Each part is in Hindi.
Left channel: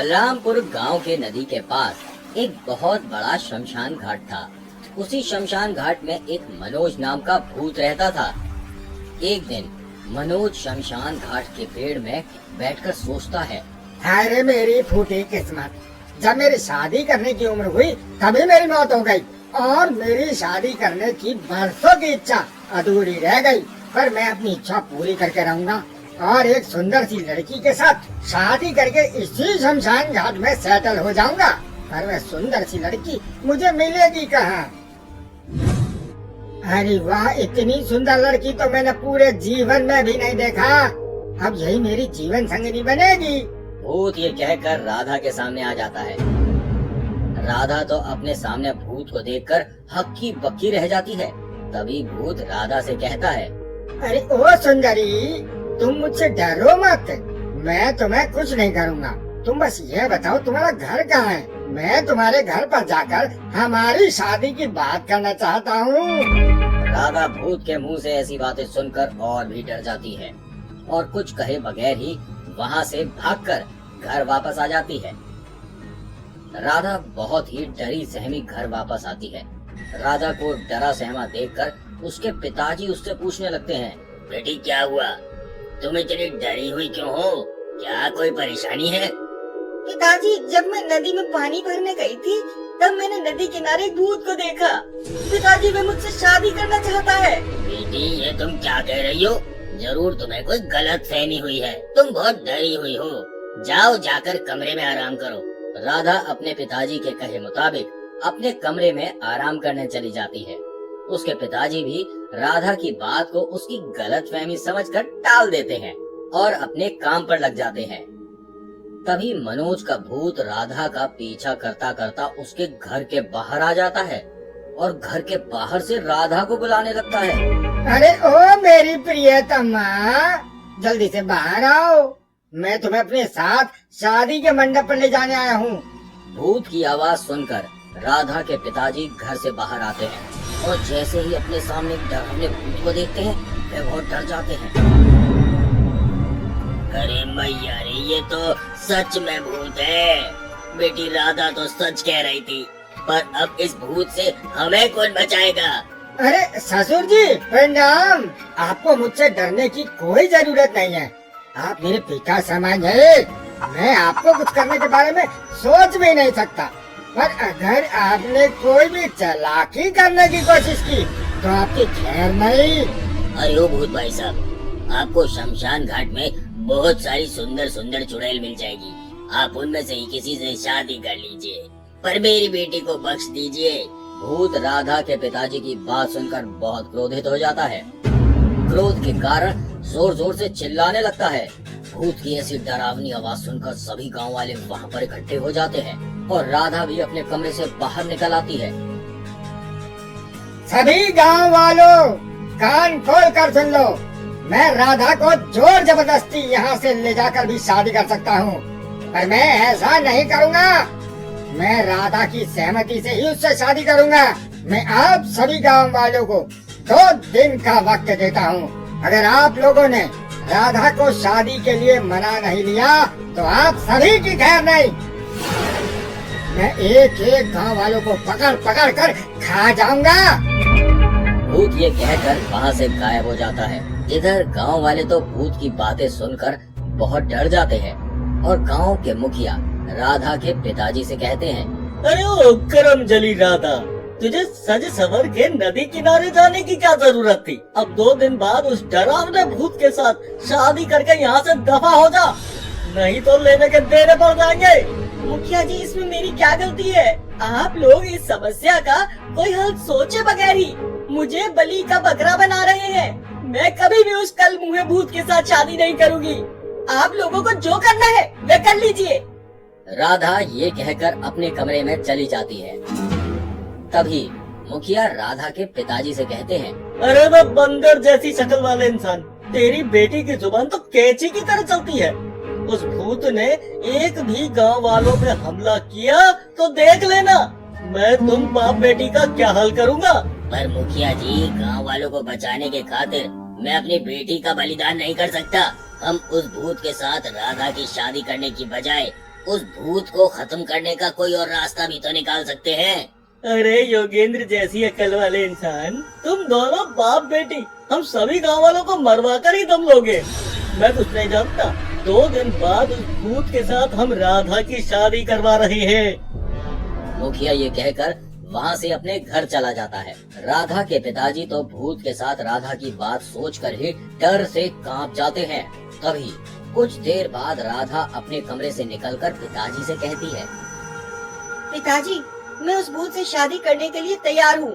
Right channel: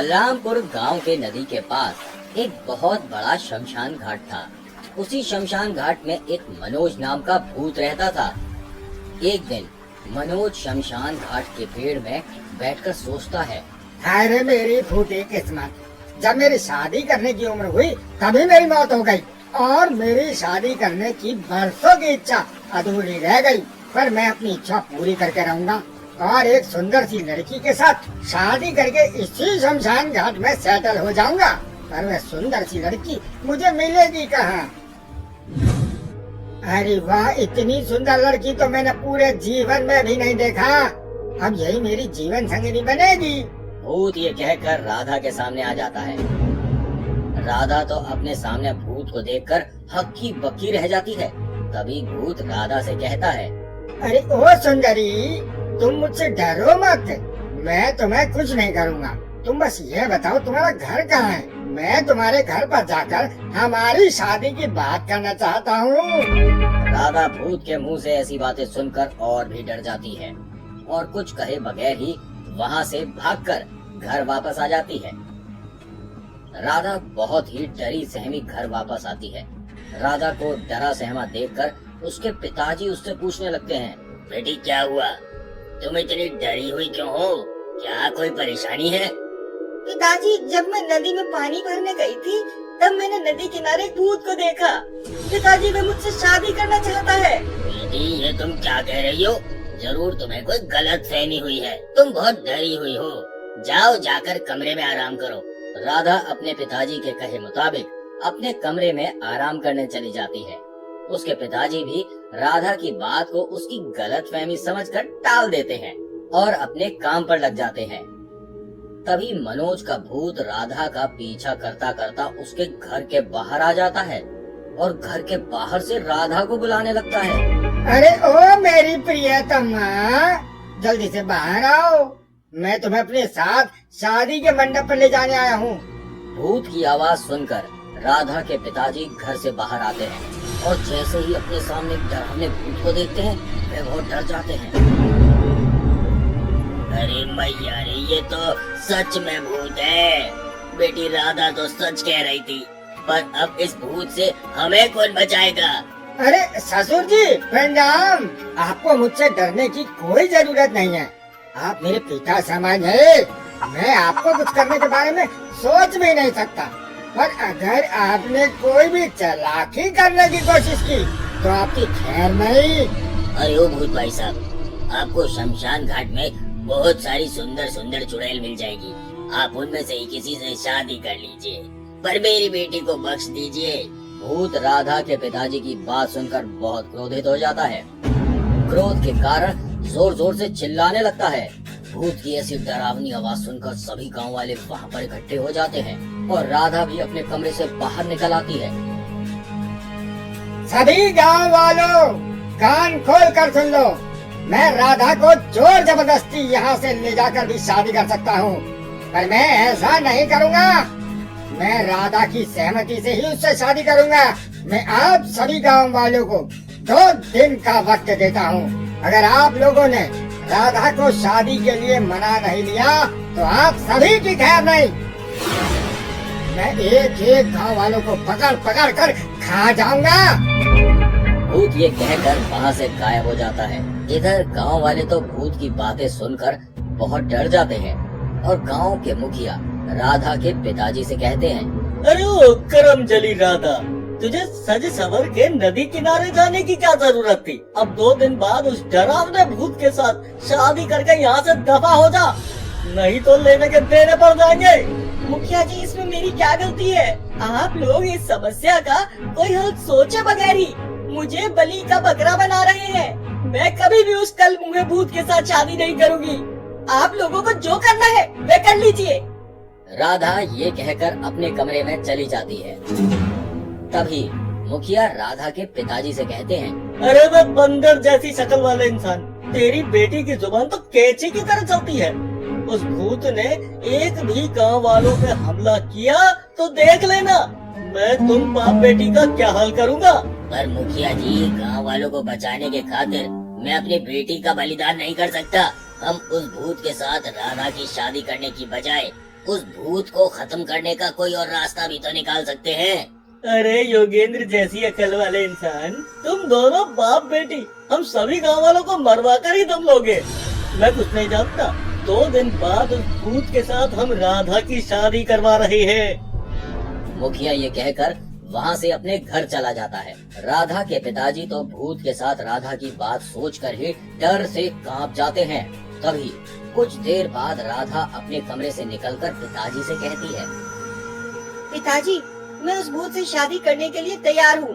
बलरामपुर गांव के नदी के पास एक बहुत बड़ा शमशान घाट था। उसी शमशान घाट में एक मनोज नाम का भूत रहता था। एक दिन मनोज शमशान घाट के पेड़ में बैठकर सोचता है, हाय रे मेरी फूटी किस्मत, जब मेरी शादी करने की उम्र हुई तभी मेरी मौत हो गई और मेरी शादी करने की बरसों की इच्छा अधूरी रह गई। पर मैं अपनी इच्छा पूरी करके रहूंगा और एक सुंदर सी लड़की के साथ शादी करके इसी शमशान घाट में सेटल हो जाऊंगा। पर वह सुंदर सी लड़की मुझे मिलेगी कहाँ? अरे वाह, इतनी सुंदर लड़की तो मैंने पूरे जीवन में भी नहीं देखा। अब यही मेरी जीवन संगिनी बनेगी। भूत ये कहकर राधा के सामने आ जाता है। राधा तो अपने सामने भूत को देखकर हक्की बक्की रह जाती है। तभी भूत राधा से कहता है, अरे ओ सुंदरी, तुम मुझसे डरो मत, मैं तुम्हें कुछ नहीं करूँगा। तुम बस ये बताओ तुम्हारा घर कहाँ है? मैं तुम्हारे घर पर जाकर हमारी शादी की बात करना चाहता हूँ। राधा भूत के मुंह से ऐसी बातें सुनकर और भी डर जाती है और कुछ कहे बगैर ही वहाँ से भागकर घर वापस आ जाती है। राधा बहुत ही डरी सहमी घर वापस आती है। राधा को डरा सहमा देखकर उसके पिताजी उससे पूछने लगते हैं, बेटी क्या हुआ? तुम इतनी डरी हुई क्यों हो? क्या कोई परेशानी है? पिताजी, जब मैं नदी में पानी भरने गई थी तब मैंने नदी किनारे एक भूत को देखा। पिताजी, वह मुझसे शादी करना चाहता है। बेटी, ये तुम क्या कह रही हो? जरूर तुम्हें कोई गलत फहमी हुई है। तुम बहुत डरी हुई हो। जाओ, जाकर कमरे में आराम करो। राधा अपने पिताजी के कहे मुताबिक अपने कमरे में आराम करने चली जाती है। उसके पिताजी भी राधा की बात को उसकी गलतफहमी समझकर टाल देते हैं और अपने काम पर लग जाते हैं। तभी मनोज का भूत राधा का पीछा करता करता उसके घर के बाहर आ जाता है और घर के बाहर से राधा को बुलाने लगता है। अरे ओ मेरी प्रियतमा, जल्दी से बाहर आओ, मैं तुम्हें अपने साथ शादी के मंडप पर ले जाने आया हूँ। भूत की आवाज सुनकर राधा के पिताजी घर से बाहर आते हैं और जैसे ही अपने सामने डरावने भूत को देखते हैं वे बहुत डर जाते हैं। अरे मैया रे, ये तो सच में भूत है। बेटी राधा तो सच कह रही थी, पर अब इस भूत से हमें कौन बचाएगा? अरे ससुर जी प्रणाम, आपको मुझसे डरने की कोई जरूरत नहीं है। आप मेरे पिता समान है। मैं आपको कुछ करने के बारे में सोच भी नहीं सकता, पर अगर आपने कोई भी चालाकी करने की कोशिश की तो आपकी खैर नहीं। अरे ओ भूत भाई साहब, आपको शमशान घाट में बहुत सारी सुंदर सुंदर चुड़ैल मिल जाएगी। आप उनमें से ही किसी से शादी कर लीजिए, पर मेरी बेटी को बख्श दीजिए। भूत राधा के पिताजी की बात सुनकर बहुत क्रोधित हो जाता है। क्रोध के कारण जोर जोर से चिल्लाने लगता है। भूत की ऐसी डरावनी आवाज सुनकर सभी गांव वाले वहाँ पर इकट्ठे हो जाते हैं और राधा भी अपने कमरे से बाहर निकल आती है। सभी गांव वालों कान खोल कर सुन लो, मैं राधा को जोर जबरदस्ती यहाँ से ले जाकर भी शादी कर सकता हूँ, पर मैं ऐसा नहीं करूँगा। मैं राधा की सहमति से ही उससे शादी करूँगा। मैं आप सभी गांव वालों को 2 दिन का वक्त देता हूँ। अगर आप लोगों ने राधा को शादी के लिए मना नहीं लिया तो आप सभी की खैर नहीं। मैं एक एक गांव वालों को पकड़ पकड़ कर खा जाऊंगा। भूत ये कहकर वहाँ से गायब हो जाता है। इधर गांव वाले तो भूत की बातें सुनकर बहुत डर जाते हैं और गांव के मुखिया राधा के पिताजी से कहते हैं, अरे ओ करम जली राधा, तुझे सज सवर के नदी किनारे जाने की क्या जरूरत थी? अब 2 दिन बाद उस डरावने भूत के साथ शादी करके यहाँ से दफा हो जा, नहीं तो लेने के देने पड़ जाएंगे। मुखिया जी, इसमें मेरी क्या गलती है? आप लोग इस समस्या का कोई हल सोचे बगैर ही मुझे बलि का बकरा बना रहे हैं। मैं कभी भी उस कल मुँहे भूत के साथ शादी नहीं करूँगी। आप लोगों को जो करना है वे कर लीजिए। राधा ये कहकर अपने कमरे में चली जाती है। तभी मुखिया राधा के पिताजी से कहते हैं, अरे वो बंदर जैसी शक्ल वाले इंसान, तेरी बेटी की जुबान तो कैंची की तरह चलती है। उस भूत ने एक भी गांव वालों पे हमला किया तो देख लेना मैं तुम बाप बेटी का क्या हाल करूँगा। पर मुखिया जी, गांव वालों को बचाने के खातिर मैं अपनी बेटी का बलिदान नहीं कर सकता। हम उस भूत के साथ राधा की शादी करने की बजाय उस भूत को खत्म करने का कोई और रास्ता भी तो निकाल सकते हैं। अरे योगेंद्र जैसी अकल वाले इंसान, तुम दोनों बाप बेटी हम सभी गांव वालों को मरवा कर ही तुम लोगे। मैं कुछ नहीं जानता। 2 दिन बाद उस भूत के साथ हम राधा की शादी करवा रहे हैं। मुखिया ये कहकर वहाँ से अपने घर चला जाता है। राधा के पिताजी तो भूत के साथ राधा की बात सोचकर ही डर से कांप जाते हैं। तभी कुछ देर बाद राधा अपने कमरे से निकलकर पिताजी से कहती है, पिताजी, मैं उस भूत से शादी करने के लिए तैयार हूँ,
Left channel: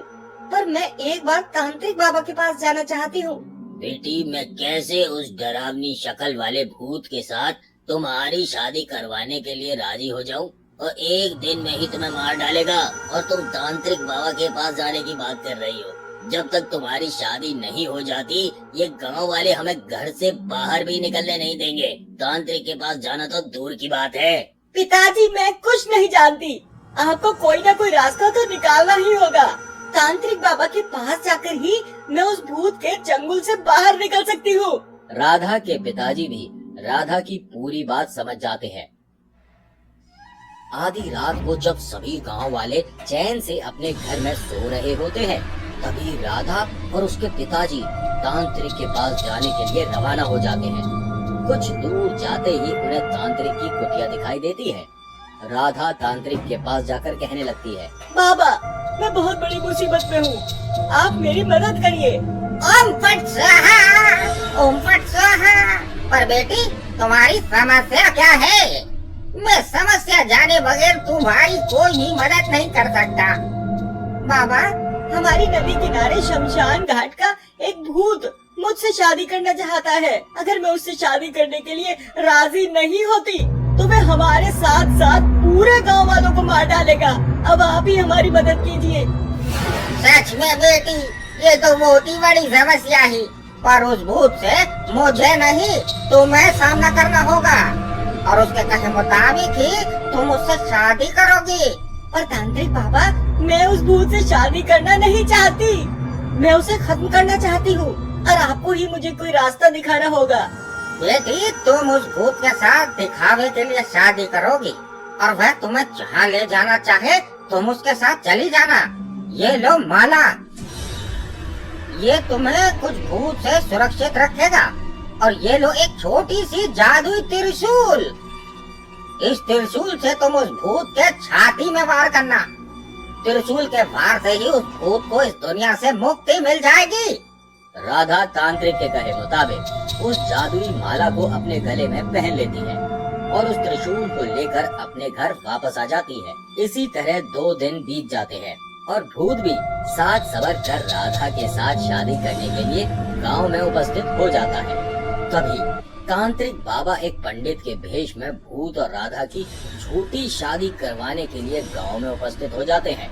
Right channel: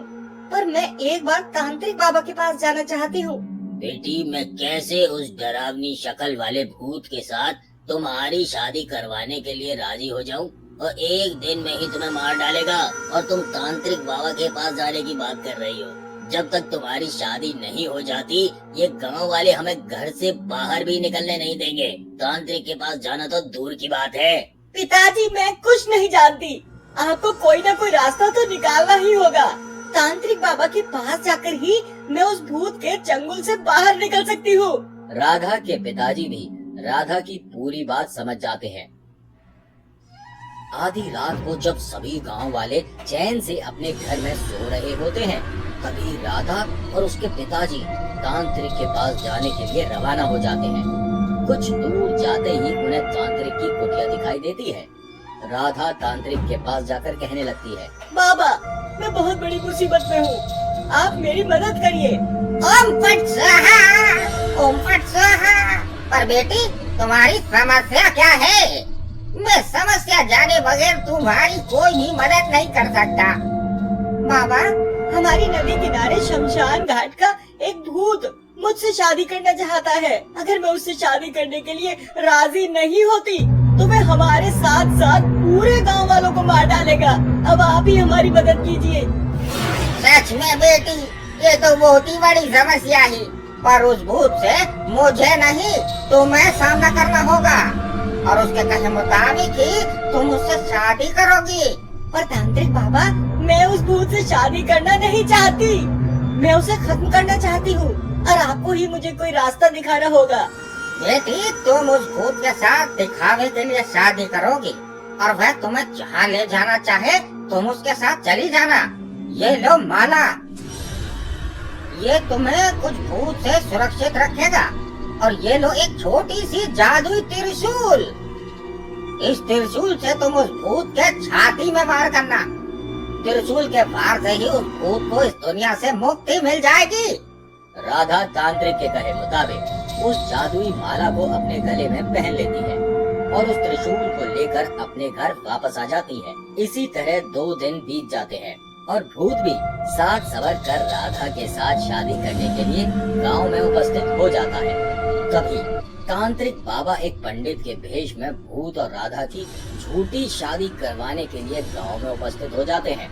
पर मैं एक बार तांत्रिक बाबा के पास जाना चाहती हूँ। बेटी, मैं कैसे उस डरावनी शक्ल वाले भूत के साथ तुम्हारी शादी करवाने के लिए राजी हो जाऊं? और एक दिन में ही तुम्हें मार डालेगा और तुम तांत्रिक बाबा के पास जाने की बात कर रही हो। जब तक तुम्हारी शादी नहीं हो जाती, ये गांव वाले हमें घर से बाहर भी निकलने नहीं देंगे। तांत्रिक के पास जाना तो दूर की बात है। पिताजी, मैं कुछ नहीं जानती। आपको कोई ना कोई रास्ता तो निकालना ही होगा। तांत्रिक बाबा के पास जाकर ही मैं उस भूत के चंगुल से बाहर निकल सकती हूँ। राधा के पिताजी भी राधा की पूरी बात समझ जाते हैं। आधी रात को जब सभी गांव वाले चैन से अपने घर में सो रहे होते हैं, तभी राधा और उसके पिताजी तांत्रिक के पास जाने के लिए रवाना हो जाते हैं। कुछ दूर जाते ही उन्हें तांत्रिक की कुटिया दिखाई देती है। राधा तांत्रिक के पास जाकर कहने लगती है, बाबा, मैं बहुत बड़ी मुसीबत में हूँ, आप मेरी मदद करिए। ओम फट स्वाहा, ओम फट स्वाहा। पर बेटी, तुम्हारी समस्या क्या है? मैं समस्या जाने बगैर तुम्हारी कोई भी मदद नहीं कर सकता। बाबा, हमारी नदी किनारे शमशान घाट का एक भूत मुझसे शादी करना चाहता है। अगर मैं उससे शादी करने के लिए राजी नहीं होती तो वे हमारे साथ साथ पूरे गांव वालों को मार डालेगा। अब आप ही हमारी मदद कीजिए। सच में बेटी, ये तो बहुत ही बड़ी समस्या है, पर उस भूत से मुझे नहीं तुम्हें सामना करना होगा और उसके कहे मुताबिक ही तुम उससे शादी करोगी। पर तांत्रिक बाबा, मैं उस भूत से शादी करना नहीं चाहती। मैं उसे खत्म करना चाहती हूँ और आपको ही मुझे कोई रास्ता दिखाना होगा। बेटी, तुम उस भूत के साथ दिखावे के लिए शादी करोगी और वह तुम्हें जहाँ ले जाना चाहे तुम उसके साथ चली जाना। ये लो माला, ये तुम्हें कुछ भूत से सुरक्षित रखेगा। और ये लो एक छोटी सी जादुई त्रिशूल। इस त्रिशूल से तुम उस भूत के छाती में वार करना। त्रिशूल के वार से ही उस भूत को इस दुनिया से मुक्ति मिल जाएगी। राधा तांत्रिक के कहे मुताबिक उस जादुई माला को अपने गले में पहन लेती है और उस त्रिशूल को लेकर अपने घर वापस आ जाती है। इसी तरह 2 दिन बीत जाते हैं और भूत भी साज सवर कर राधा के साथ शादी करने के लिए गांव में उपस्थित हो जाता है। तभी तांत्रिक बाबा एक पंडित के भेष में भूत और राधा की झूठी शादी करवाने के लिए गांव में उपस्थित हो जाते हैं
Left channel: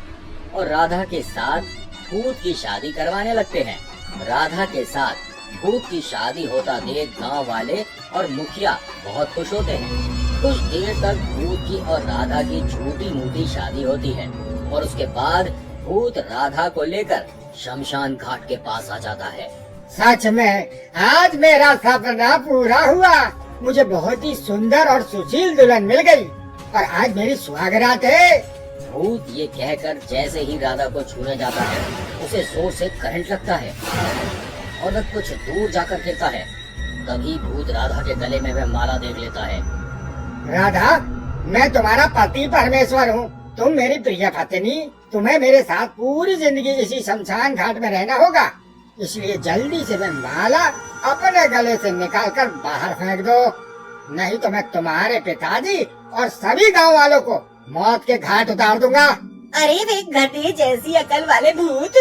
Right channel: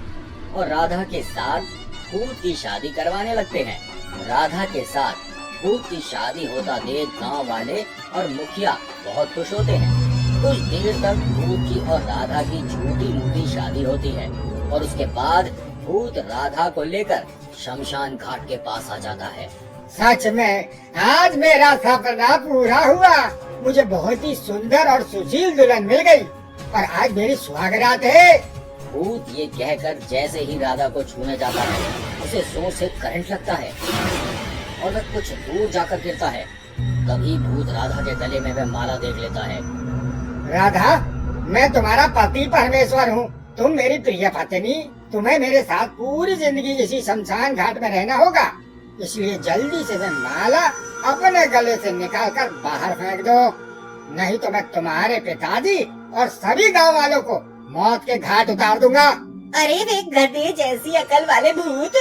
और राधा के साथ भूत की शादी करवाने लगते हैं। राधा के साथ भूत की शादी होता देख गांव वाले और मुखिया बहुत खुश होते हैं। कुछ देर तक भूत की और राधा की झूठी मूठी शादी होती है और उसके बाद भूत राधा को लेकर शमशान घाट के पास आ जाता है। सच में आज मेरा सपना पूरा हुआ। मुझे बहुत ही सुंदर और सुशील दुल्हन मिल गई, पर आज मेरी सुहागरात है। भूत ये कहकर जैसे ही राधा को छूने जाता है, उसे जोर से करंट लगता है और वह कुछ दूर जाकर गिरता है। तभी भूत राधा के गले में वह माला देख लेता है। राधा, मैं तुम्हारा पति परमेश्वर हूँ, तुम मेरी प्रिय पत्नी। तुम्हें मेरे साथ पूरी जिंदगी इसी शमशान घाट में रहना होगा, इसलिए जल्दी से वह माला अपने गले से निकालकर बाहर फेंक दो, नहीं तो मैं तुम्हारे पिताजी और सभी गांव वालों को मौत के घाट उतार दूंगा। अरे वे गधे जैसी अकल वाले भूत,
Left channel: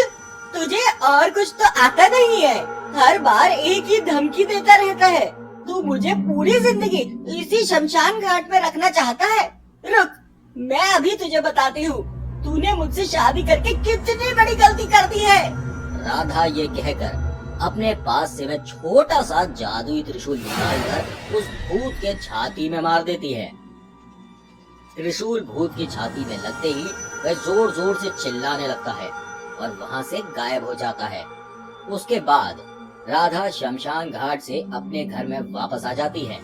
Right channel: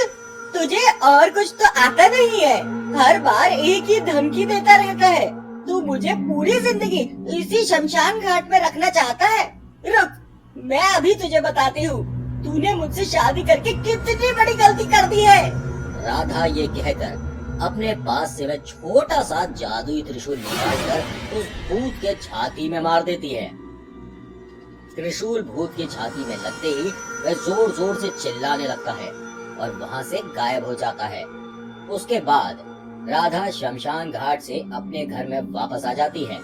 तुझे और कुछ तो आता नहीं है। हर बार एक ही धमकी देता रहता है। तू मुझे पूरी जिंदगी इसी शमशान घाट में रखना चाहता है। रुक, मैं अभी तुझे बताती हूँ, तूने मुझसे शादी करके कितनी बड़ी गलती कर दी है। राधा ये कहकर अपने पास से वह छोटा सा जादुई त्रिशूल निकालकर उस भूत के छाती में मार देती है। त्रिशूल भूत की छाती में लगते ही वह जोर जोर से चिल्लाने लगता है और वहाँ से गायब हो जाता है। उसके बाद राधा शमशान घाट से अपने घर में वापस आ जाती है।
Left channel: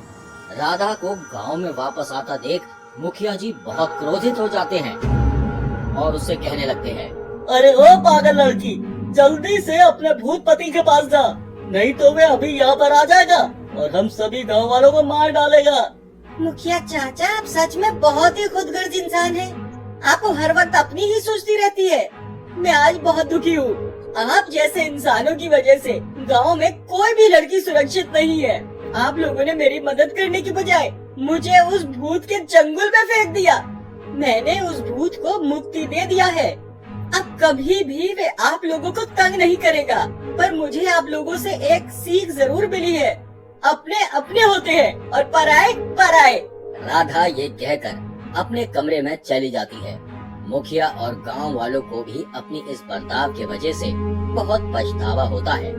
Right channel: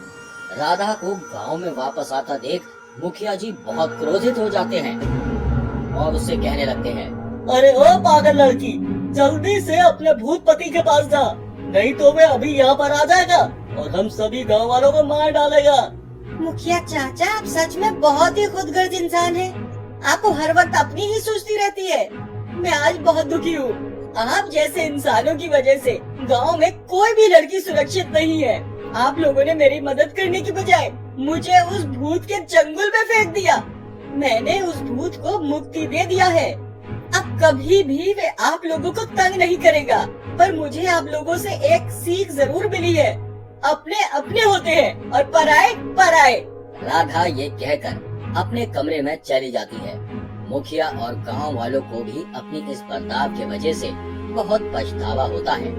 राधा को गांव में वापस आता देख मुखिया जी बहुत क्रोधित हो जाते हैं और उससे कहने लगते हैं, अरे ओ पागल लड़की, जल्दी से अपने भूत पति के पास जा, नहीं तो वे अभी यहाँ पर आ जाएगा और हम सभी गांव वालों को मार डालेगा। मुखिया चाचा, आप सच में बहुत ही खुदगर्ज इंसान हैं। आपको हर वक्त अपनी ही सोचती रहती है। मैं आज बहुत दुखी हूँ। आप जैसे इंसानों की वजह से गांव में कोई भी लड़की सुरक्षित नहीं है। आप लोगों ने मेरी मदद करने की बजाय मुझे उस भूत के चंगुल में फेंक दिया। मैंने उस भूत को मुक्ति दे दिया है। अब कभी भी वे आप लोगों को तंग नहीं करेगा। पर मुझे आप लोगों से एक सीख जरूर मिली है, अपने अपने होते हैं और पराए पराए। राधा ये कहकर अपने कमरे में चली जाती है। मुखिया और गांव वालों को भी अपनी इस बर्ताव के वजह से बहुत पछतावा होता है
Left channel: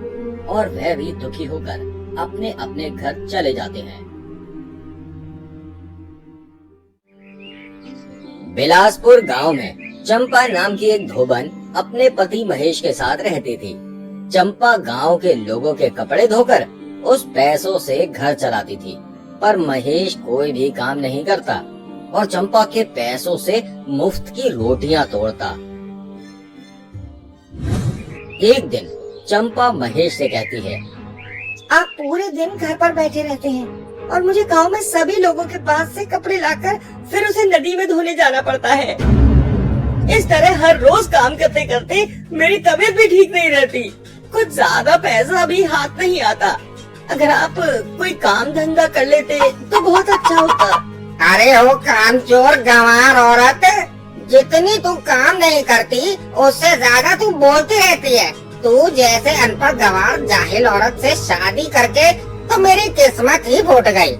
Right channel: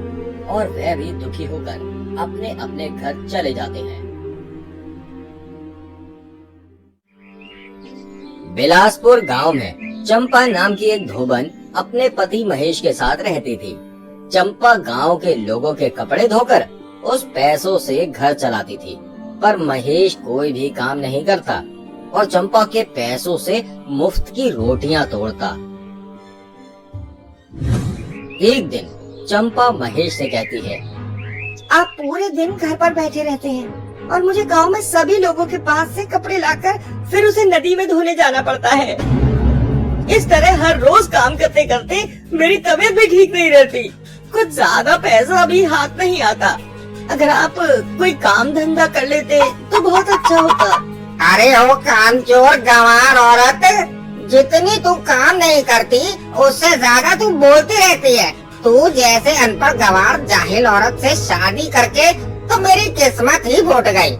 और वह भी दुखी होकर अपने अपने घर चले जाते हैं। बिलासपुर गांव में चंपा नाम की एक धोबन अपने पति महेश के साथ रहती थी। चंपा गांव के लोगों के कपड़े धोकर उस पैसों से घर चलाती थी, पर महेश कोई भी काम नहीं करता और चंपा के पैसों से मुफ्त की रोटियां तोड़ता। एक दिन चंपा महेश से कहती है, आप पूरे दिन घर पर बैठे रहते हैं और मुझे गांव में सभी लोगों के पास से कपड़े लाकर फिर उसे नदी में धोने जाना पड़ता है। इस तरह हर रोज काम करते करते मेरी तबीयत भी ठीक नहीं रहती। कुछ ज्यादा पैसा भी हाथ नहीं आता। अगर आप कोई काम धंधा कर लेते तो बहुत अच्छा होता। अरे हो कामचोर गंवार औरत, जितनी तू काम नहीं करती उससे ज्यादा तू बोलती रहती है। तू जैसे अनपढ़ गंवार जाहिल औरत से शादी करके तो मेरी किस्मत ही फूट गई।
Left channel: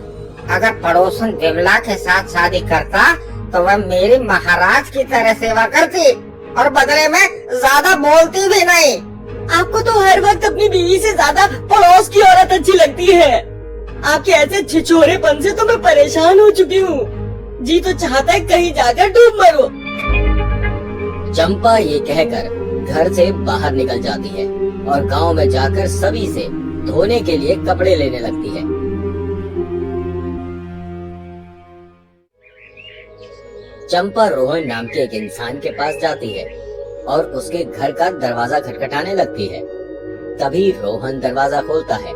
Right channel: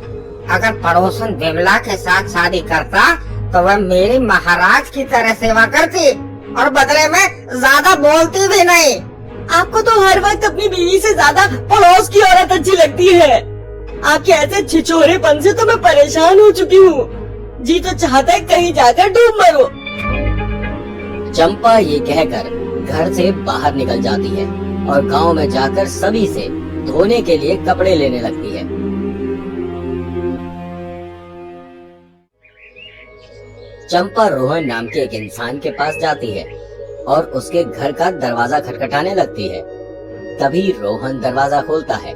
अगर पड़ोसन विमला के साथ शादी करता तो वह मेरी महाराज की तरह सेवा करती और बदले में ज्यादा बोलती भी नहीं। आपको तो हर वक्त अपनी बीवी से ज्यादा पड़ोस की औरत अच्छी लगती है। आपके ऐसे छिछोरेपन से तो मैं परेशान हो चुकी हूँ। जी तो चाहता है कहीं जाकर डूब मरो। चंपा ये कहकर घर से बाहर निकल जाती है और गांव में जाकर सभी से धोने के लिए कपड़े लेने लगती है। चंपा रोहन नाम के एक इंसान के पास जाती है और उसके घर का दरवाजा खटखटाने लगती है। तभी रोहन दरवाजा खोलता है।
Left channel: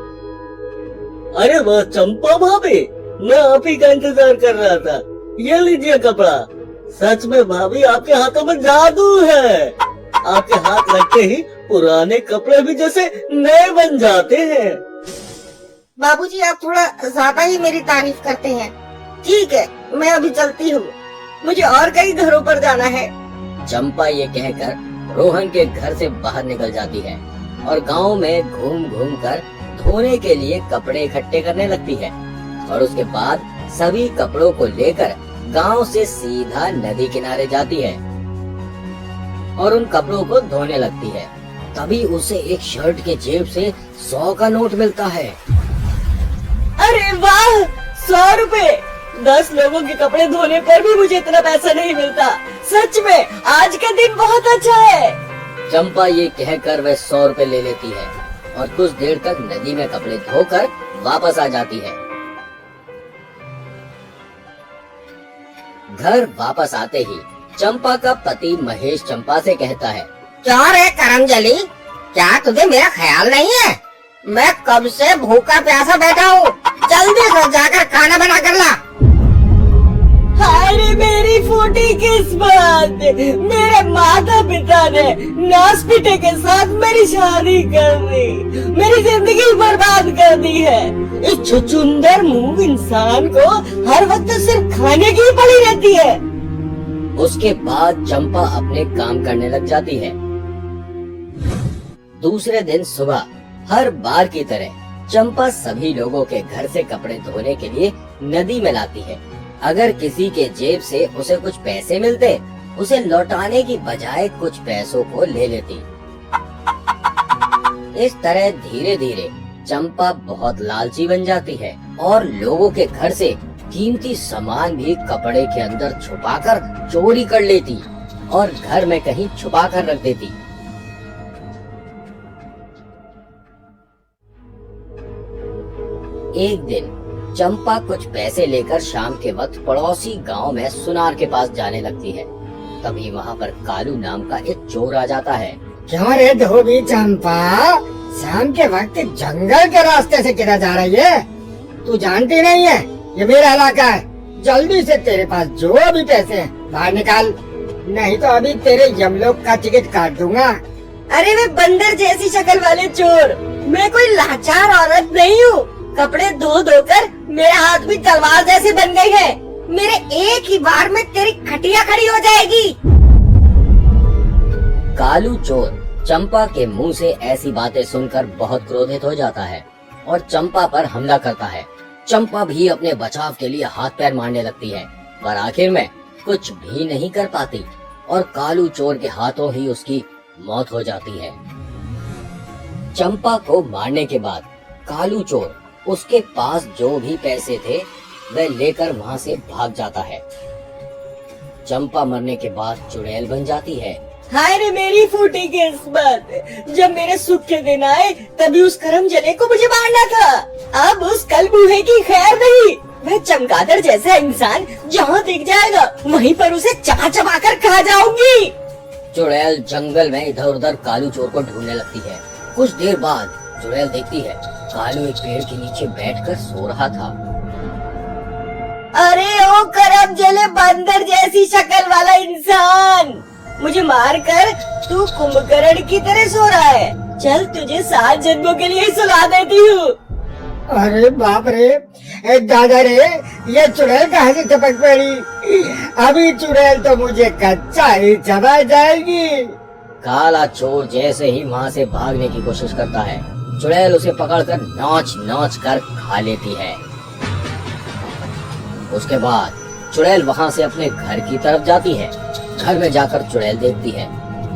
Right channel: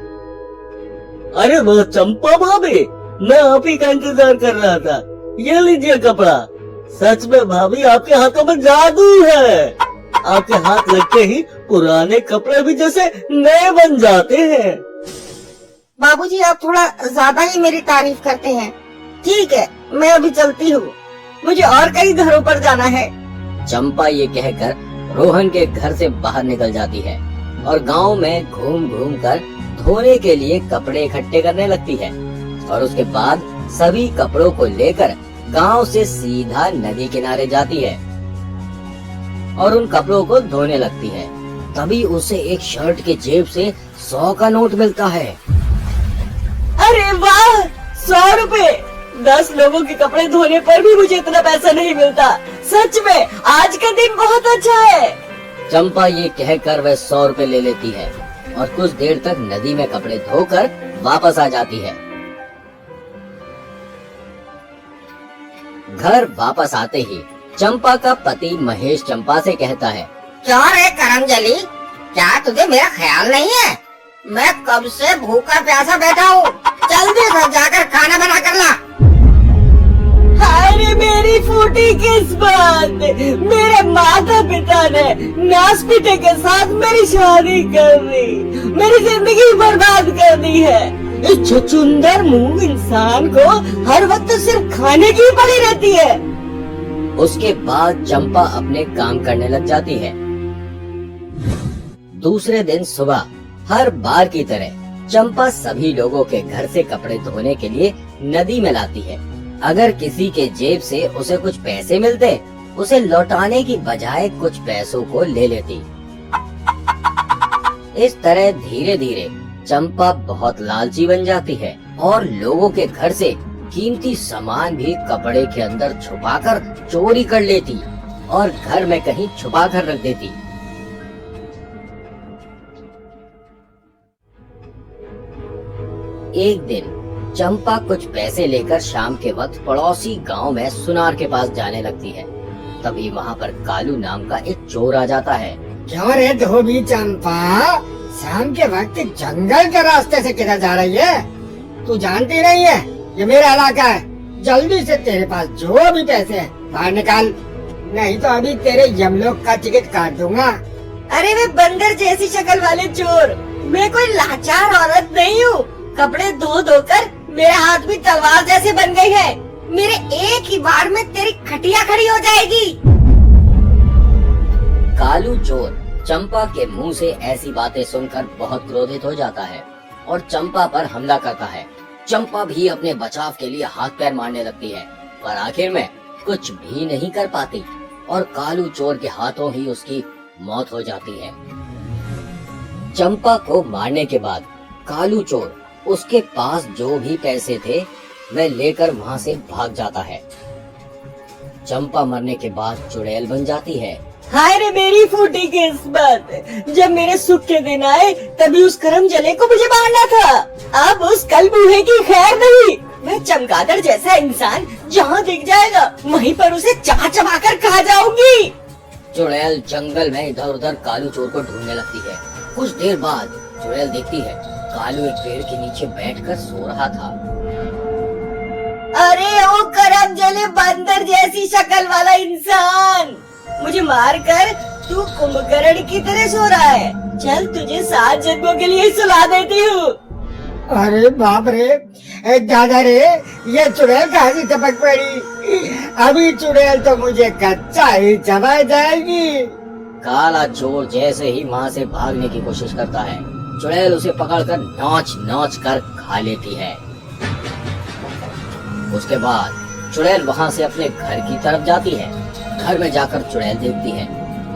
अरे वो चंपा भाभी, मैं आप ही का इंतजार कर रहा था। ये लीजिए कपड़ा। सच में भाभी, आपके हाथों में जादू है। आपके हाथ लगते ही पुराने कपड़े भी जैसे नए बन जाते हैं। बाबूजी, आप थोड़ा ज्यादा ही मेरी तारीफ करते हैं। ठीक है, मैं अभी चलती हूँ। मुझे और कई घरों पर जाना है। चंपा ये कहकर रोहन के घर से बाहर निकल जाती है और गांव में घूम घूम कर धोने के लिए कपड़े इकट्ठे करने लगती है और उसके बाद सभी कपड़ों को लेकर गांव से सीधा नदी किनारे जाती है और उन कपड़ों को धोने लगती है। तभी उसे एक शर्ट के जेब से 100 का नोट मिलता है। अरे वाह, 100 रुपए! 10 लोगों के कपड़े धोने पर भी मुझे इतना पैसा नहीं मिलता। सच में आज का दिन बहुत अच्छा है। चंपा ये कहकर वह 100 रुपए ले लेती है और कुछ देर तक नदी में कपड़े धोकर वापस आ जाती है। घर वापस आते ही चंपा का पति महेश चंपा से कहता है, क्या रे करमजली, क्या तुझे मेरा ख्याल नहीं है? मैं कब से भूखा प्यासा बैठा हूँ। जल्दी से जाकर खाना बना कर ला। अरे मेरी फूटी किस्मत! मेरे माता पिता ने नासपीटे के साथ मेरी शादी कर दी, मेरी जिंदगी बर्बाद कर दी है। इस छुछुंदर मुंह इंसान को हर वक्त सिर्फ खाने की ही पड़ी रहती है। उसके बाद चंपा अपने काम करने लग जाती है। दूसरे दिन सुबह हर बार की तरह चंपा सभी लोगों के घर से कपड़े धोने के लिए नदी में लाती है। अगर किसी के जेब से उसे कुछ पैसे मिलते, उसे लौटाने की बजाय कुछ पैसों को ले लेती। इस तरह धीरे धीरे चंपा बहुत लालची बन जाती है और लोगों के घर से कीमती सामान भी कपड़े के अंदर छुपाकर चोरी कर लेती और घर में कहीं छुपा कर रख देती। एक दिन चंपा कुछ पैसे लेकर शाम के वक्त पड़ोसी गांव में सुनार के पास जाने लगती है। तभी वहां पर कालू नाम का एक चोर आ जाता है। क्यों रे धोबी चंपा, शाम के वक्त जंगल के रास्ते से किधर जा रही है? तू जानती नहीं है ये मेरा इलाका है। जल्दी से तेरे पास जो भी पैसे हैं बाहर निकाल, नहीं तो अभी तेरे यमलोक का टिकट काट दूंगा। अरे मैं बंदर जैसी शक्ल वाले चोर, मैं कोई लाचार औरत नहीं हूँ। कपड़े धो धोकर मेरे हाथ भी तलवार जैसे बन गई है। मेरे एक ही बार में तेरी खटिया खड़ी हो जाएगी। कालू चोर चंपा के मुंह से ऐसी बातें सुनकर बहुत क्रोधित हो जाता है और चंपा पर हमला करता है। चंपा भी अपने बचाव के लिए हाथ पैर मारने लगती है, पर आखिर में कुछ भी नहीं कर पाती और कालू चोर के हाथों ही उसकी मौत हो जाती है। चंपा को मारने के बाद कालू चोर उसके पास जो भी पैसे थे वह लेकर वहां से भाग जाता है। चंपा मरने के बाद चुड़ैल बन जाती है। हाय रे मेरी फूटी किस्मत, जब मेरे सुख के दिन आए तभी उस करम जले को मुझे मारना था। अब उस कल बूहे की खैर नहीं। मैं चमगादड़ जैसा इंसान जहाँ दिख जाएगा वहीं पर उसे चबा कर खा जाऊंगी। चुड़ैल जंगल में इधर उधर कालू चोर को ढूंढने लगती है। कुछ देर बाद चुड़ैल देखती है कालू एक पेड़ के नीचे बैठकर सो रहा था। अरे ओ करम जले बंदर जैसी शक्ल वाला इंसान, मुझे मार कर तू कुंभकर्ण की तरह सो रहा है। चल तुझे 7 जन्मों के लिए सुला देती हूँ। अरे बाप रे, दादा रे, ये चुड़ैल कहाँ से टपक पड़ी? अभी चुड़ैल तो मुझे कच्चा ही चबा जाएगी। काला चोर जैसे ही वहाँ से भागने की कोशिश करता है, चुड़ैल उसे पकड़कर नोच नोच कर खा लेती है। उसके बाद चुड़ैल वहाँ से अपने घर की तरफ जाती है। घर में जाकर चुड़ैल देखती है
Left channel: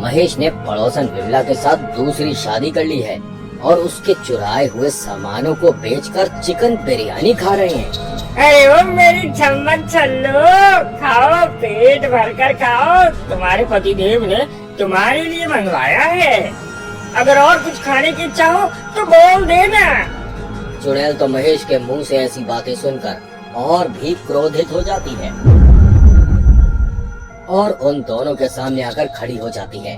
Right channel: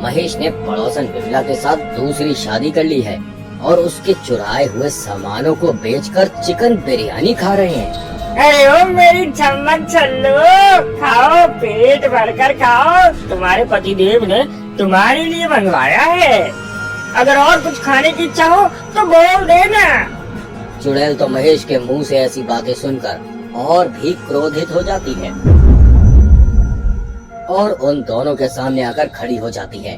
महेश ने पड़ोसन विमला के साथ दूसरी शादी कर ली है और उसके चुराए हुए सामानों को बेचकर चिकन बिरयानी खा रहे हैं। अरे ओ मेरी छम्मन छन्नू, खाओ, पेट भरकर खाओ। तुम्हारे पतिदेव ने तुम्हारे लिए मंगवाया है। अगर और कुछ खाने की इच्छा हो तो बोल देना। चुड़ैल तो महेश के मुंह से ऐसी बातें सुनकर और भी क्रोधित हो जाती है और उन दोनों के सामने आकर खड़ी हो जाती है।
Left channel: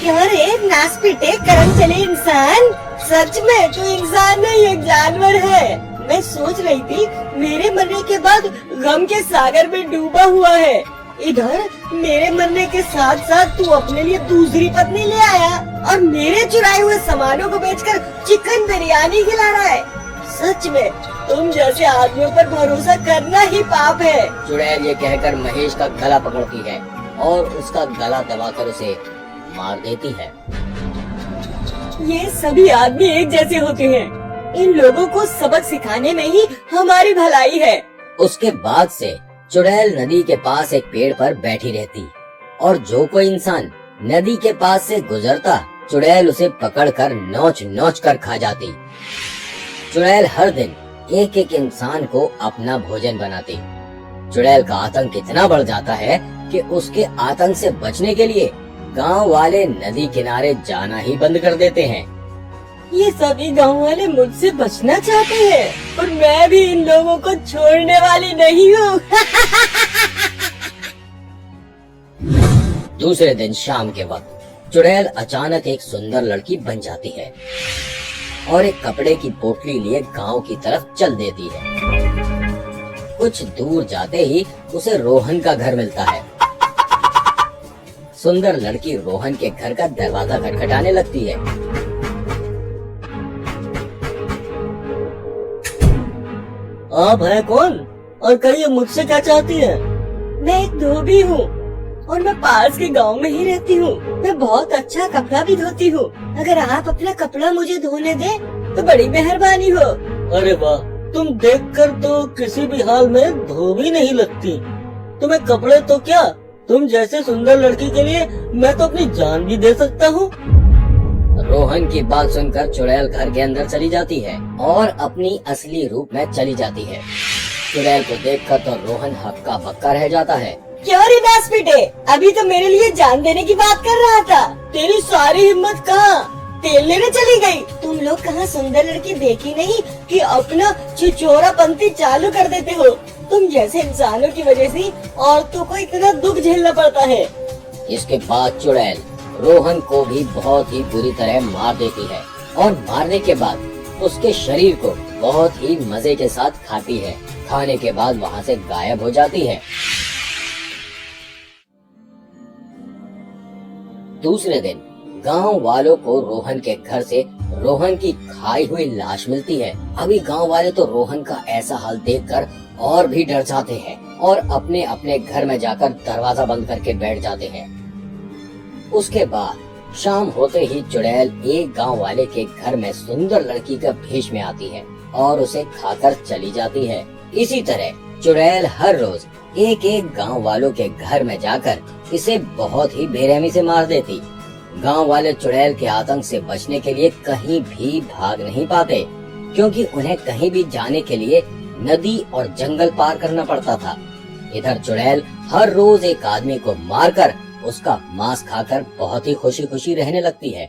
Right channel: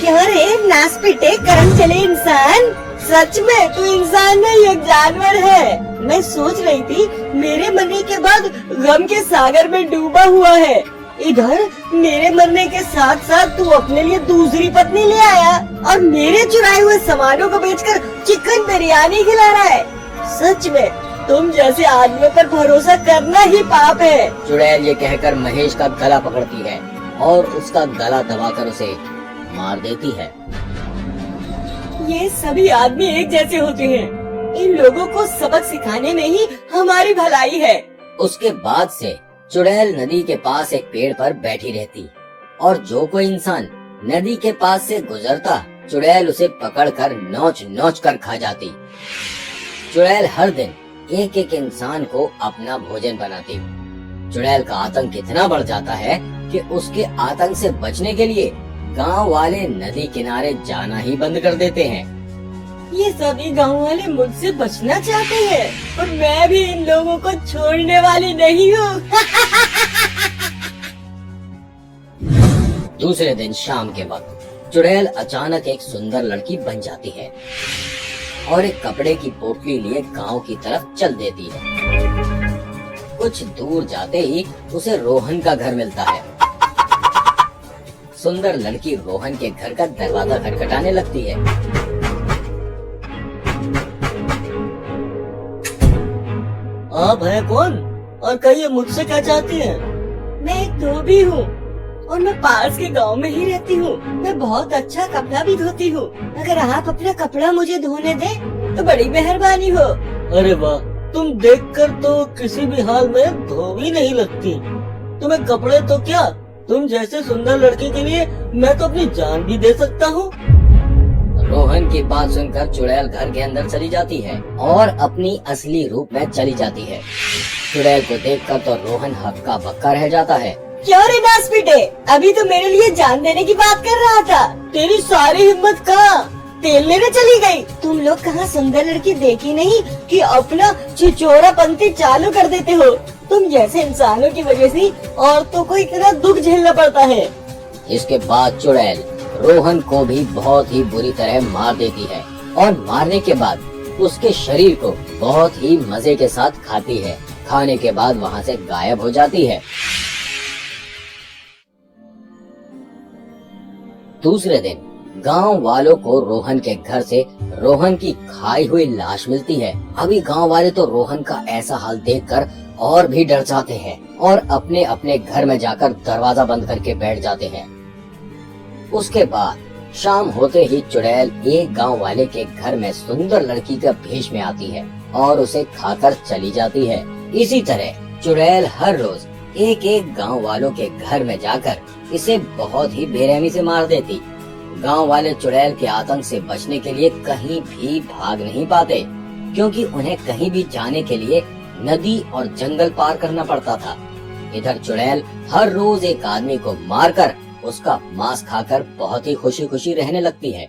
क्या रे नास पिटे करम चले इंसान, सच में तू इंसान नहीं एक जानवर है। मैं सोच रही थी मेरे मरने के बाद गम के सागर में डूबा हुआ है, इधर मेरे मरने के साथ साथ तू अपने लिए दूसरी पत्नी ले आया और मेरे चुराए हुए सामानों को बेचकर चिकन बिरयानी खिला रहा है। सच में तुम जैसे आदमियों पर भरोसा करना ही पाप है। चुड़ैल ये कहकर महेश का गला पकड़ती है और उसका गला दबाकर उसे मार देती है। ये सभी आदमी एक जैसे होते हैं, इन लोगों को सबक सिखाने में ही हमारी भलाई है। उसके बाद से चुड़ैल नदी के पास एक पेड़ पर बैठी रहती और जो कोई इंसान नदी के पास से गुजरता चुड़ैल उसे पकड़कर नोच नोच कर खा जाती। चुड़ैल हर दिन एक एक इंसान को अपना भोजन बनाती। चुड़ैल का आतंक इतना बढ़ जाता है कि उसके आतंक से बचने के लिए गांव वाले नदी किनारे जाना ही बंद कर देते हैं। ये सभी गांव वाले मुझसे बचना चाहते हैं और मैं भी इन लोगों को छोड़ने वाली नहीं हूँ। दूसरे दिन शाम के वक्त चुड़ैल अचानक एक सुंदर लड़की बन जाती है और एक कपड़े की पोटली लिए गांव की तरफ चल देती है। कुछ दूर जाते ही उसे रोहन का घर मिलता है। सुंदर लड़की रोहन के घर का दरवाजा खटखटाने लगती है। आप हैं कौन और कहिए मुझसे क्या चाहती हैं? मैं एक धोबी हूँ और मैं पास के गांव में ही रहती हूँ। मैं बहुत अच्छा कपड़ा भी धोती हूँ। अगर आप अपना कपड़ा मुझे धोने दें तो बड़ी मेहरबानी हो। अरे वाह, तुम देखकर तो किसी भी हाल में धोबी नहीं लगती। तुम्हें कपड़े तो क्या, तुम जैसे सुंदर लड़की के लिए मैं तो अपनी जान भी दे सकता हूँ। रोहन की बात सुनकर चुड़ैल घर के अंदर चली जाती है और अपनी असली रूप में चली जाती है। चुड़ैल को देखकर तो रोहन हक्का बक्का रह जाता है। क्यों रे दास बेटे, अभी तो मेरे लिए जान देने की बात कर रहा था। तेरी सारी हिम्मत कहाँ? तेल लेने चली गई। तुम लोग कहाँ सुंदर लड़की देखी नहीं कि अपना छिछोरा पंक्ति चालू कर देते हो। तुम जैसे इंसानों की वजह से औरतों को इतना दुख झेलना पड़ता है। इसके बाद चुड़ैल रोहन को भी बहुत ही बुरी तरह मार देती है और मारने के बाद उसके शरीर को बहुत ही मजे के साथ खाती है। खाने के बाद वहाँ से गायब हो जाती है। दूसरे दिन गांव वालों को रोहन के घर से रोहन की खाई हुई लाश मिलती है। अभी गांव वाले तो रोहन का ऐसा हाल देखकर और भी डर जाते हैं और अपने अपने घर में जाकर दरवाजा बंद करके बैठ जाते हैं। उसके बाद शाम होते ही चुड़ैल एक गांव वाले के घर में सुंदर लड़की का भेष में आती है और उसे खाकर चली जाती है। इसी तरह चुड़ैल हर रोज एक एक गांव वालों के घर में जाकर इसे बहुत ही बेरहमी से मार देती। गांव वाले चुड़ैल के आतंक से बचने के लिए कहीं भी भाग नहीं पाते, क्योंकि उन्हें कहीं भी जाने के लिए नदी और जंगल पार करना पड़ता था। इधर चुड़ैल हर रोज एक आदमी को मारकर उसका मांस खाकर बहुत ही खुशी खुशी रहने लगती है।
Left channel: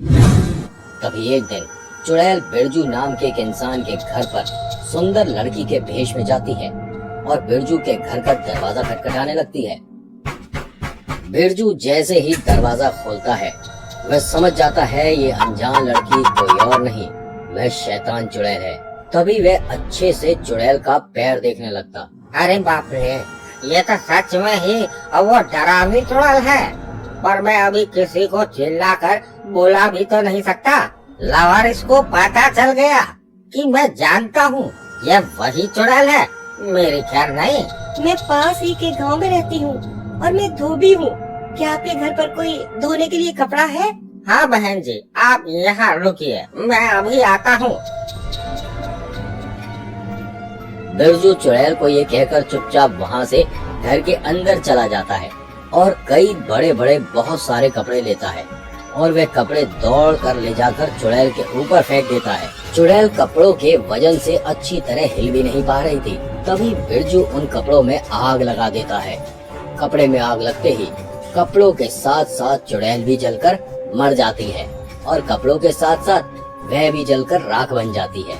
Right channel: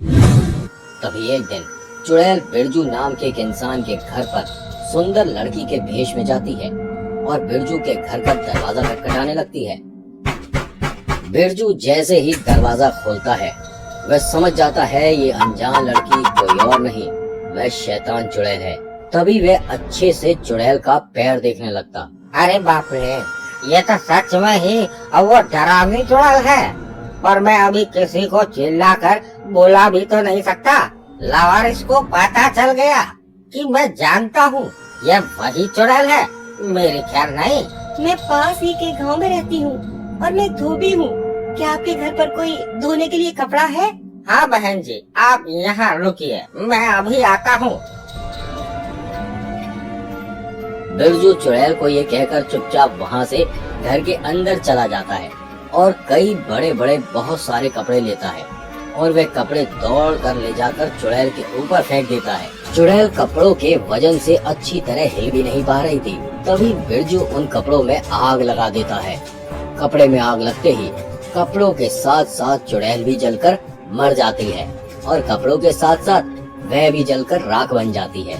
तभी एक दिन चुड़ैल बिरजू नाम के एक इंसान के घर पर सुंदर लड़की के भेष में जाती है और बिरजू के घर का दरवाजा खटखटाने लगती है। बिरजू जैसे ही दरवाजा खोलता है वह समझ जाता है ये अनजान लड़की कोई और नहीं, वह शैतान चुड़ैल है। तभी वह अच्छे से चुड़ैल का पैर देखने लगता। अरे बाप रे, ये तो सच में ही वो डरावनी चुड़ैल है। पर मैं अभी किसी को चिल्लाकर बोला भी तो नहीं सकता। लावारिस को पता चल गया कि मैं जानता हूँ ये वही चुड़ैल है। मेरी खैर नहीं। मैं पास ही के गांव में रहती हूँ और मैं धोबी हूँ। क्या आपके घर पर कोई धोने के लिए कपड़ा है? हाँ बहन जी, आप यहाँ रुकिए, मैं अभी आता हूँ। बिरजू चुड़ैल को ये कहकर चुपचाप वहाँ से घर के अंदर चला जाता है और कई बड़े बड़े बहुत सारे कपड़े लेता है और वे कपड़े दौड़ कर ले जाकर चुड़ैल के ऊपर फेंक देता है। चुड़ैल कपड़ों के वजन से अच्छी तरह हिल भी नहीं पा रही थी। तभी बिरजू उन कपड़ों में आग लगा देता है। कपड़े में आग लगते ही कपड़ों के साथ साथ चुड़ैल भी जलकर मर जाती है और कपड़ों के साथ साथ वह भी जलकर राख बन जाती है।